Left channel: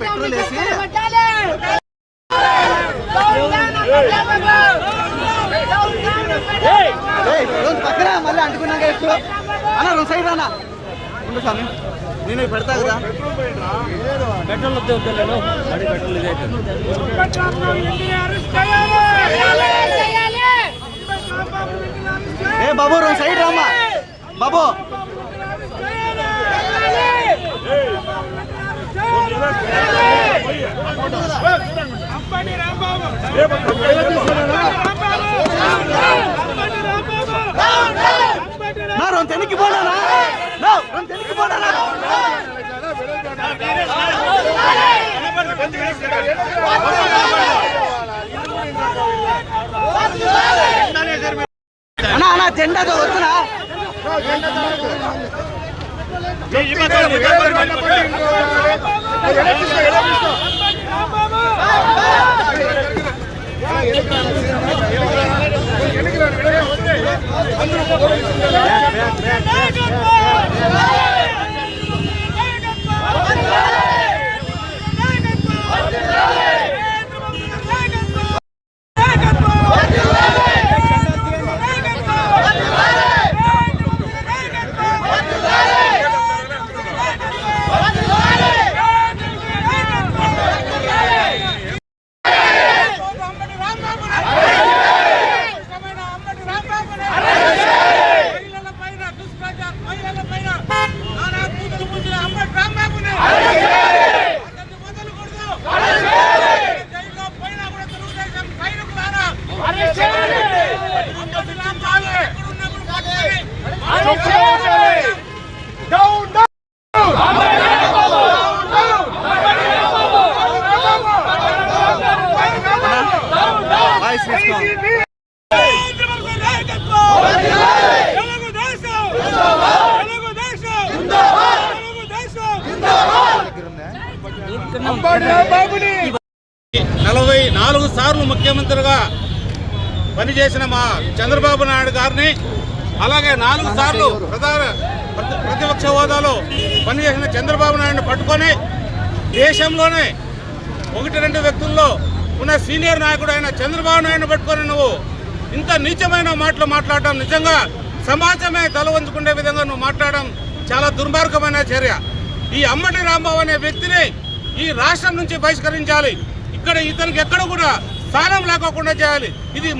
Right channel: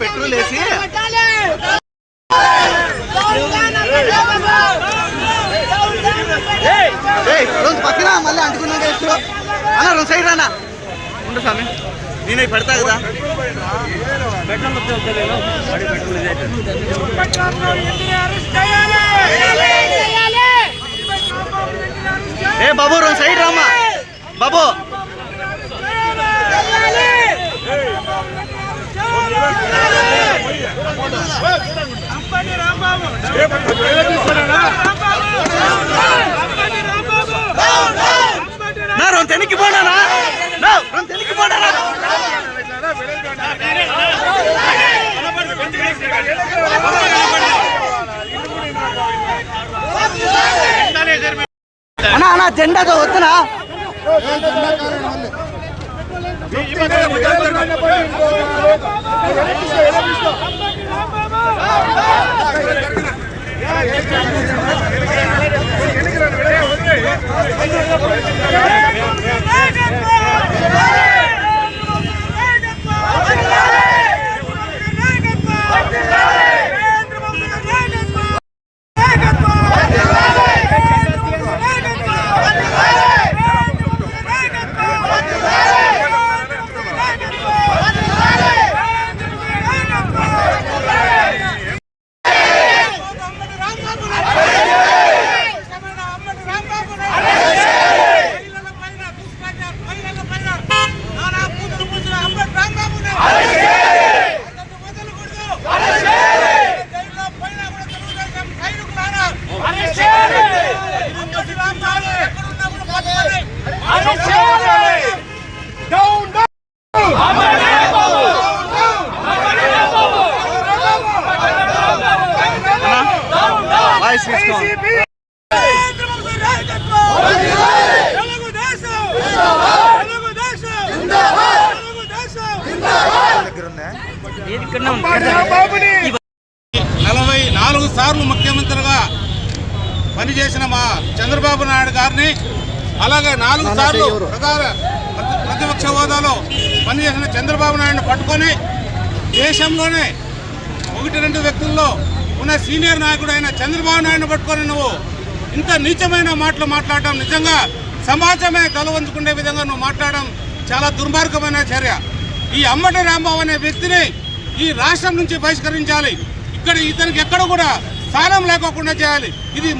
Petrol వేసి పక్కన మళ్ళీ అంటుకున్నా అన్న 2 సైడ్ రానా ఉండు స్వామి నేను పెడతా కదా ఏ బాబు 2 సైడ్ రామా బాబు నా 2 తెనికి పోనానా నా 2 తెనికి పోనానా అన్నా అన్నా జెండాతో వస్తున్నా సార్లు ముఖ్యమంత్రిగా పనిచేసిన మా చంద్రబాబు నాయుడు గారిని అలాగే 4 సార్లు ప్రతిపక్ష హోదాలో పనిచేసిన చంద్రబాబు నాయుడుని పట్టుకొని దేశంలోనే 1-2 వ్యక్తుల్లో ఉన్న సీనియర్ నాయకుడు అయిన చంద్రబాబు నాయుడుని పట్టుకొని నువ్వు ఇంత నీచమైన మాటలు మాట్లాడడం నిజంగా సమాజమే తలవంచుకునే విధంగా నువ్వు మాట్లాడడం చాలా దుర్మార్గమైన చర్య. ఈ అంబటి రాంబాబు అనే వ్యక్తిని ఈ రాష్ట్రం నుంచి బహిష్కరించాలి. ఇక్కడ ఇతనికి ఎక్కడ కూడా స్థానం లేకోకుండా చేయాలి. ఇది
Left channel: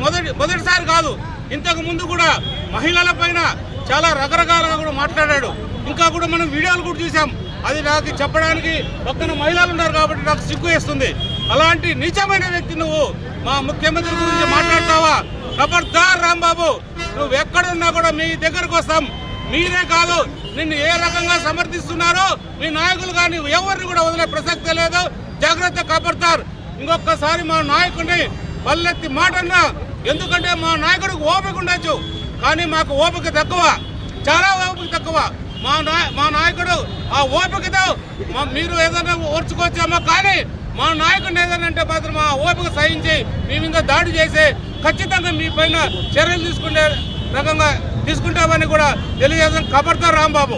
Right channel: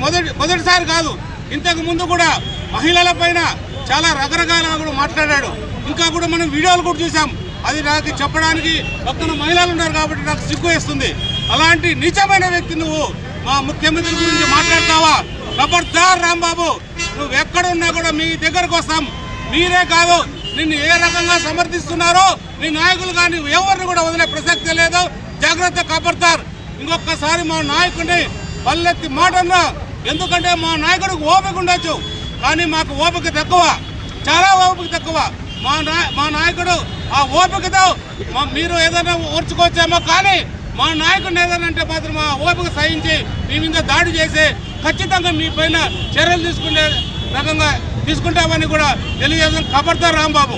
మొదటిసారి కాదు, ఇంతకు ముందు కూడా మహిళల పైన చాలా రకరకాలుగా కూడా మాట్లాడాడు. ఇంకా కూడా మనం వీడియోలు కూడా చూసాం. అది నాకు చెప్పడానికి పక్కన మహిళలు ఉన్నారు కాబట్టి నాకు సిగ్గు వేస్తుంది. అలాంటి నీచమైన వ్యక్తి నువ్వు మా ముఖ్యమంత్రి గురించి మాట్లాడతావా? ఖబర్దార్ రాంబాబు, నువ్వు ఎక్కడున్నా కూడా మీ దగ్గరకు వస్తాం. మీరే కాదు, నిన్ను ఏ రకంగా సమర్థిస్తున్నారో మీ నాయకులు కానీ ఎవరిని కూడా వదిలే ప్రసక్తే లేదు. జాగ్రత్త, ఖబర్దార్. ఇంకొకసారి మా నాయకుడిని పల్లెత్తి మాటన్నా, ఎందుకంటే మా నాయకుడికి ఓపిక ఉండొచ్చు కానీ మాకు ఓపిక తక్కువ, చాలా ఓపిక తక్కువ. మా నాయకుడు ఆ ఓపికతో మీరు ఏదైనా ఓర్చుకోవచ్చేమో కానీ మా నాయకుడిని ఏదైనా అంటే మాత్రం మా ఓపిక సహించి మీ మీద దాడి చేసి ఖచ్చితంగా మీ పైన చర్యలు తీసుకునే రకంగా తీసుకుంటామని కూడా తెలియజేస్తాం. ఖబర్దార్ రాంబాబు.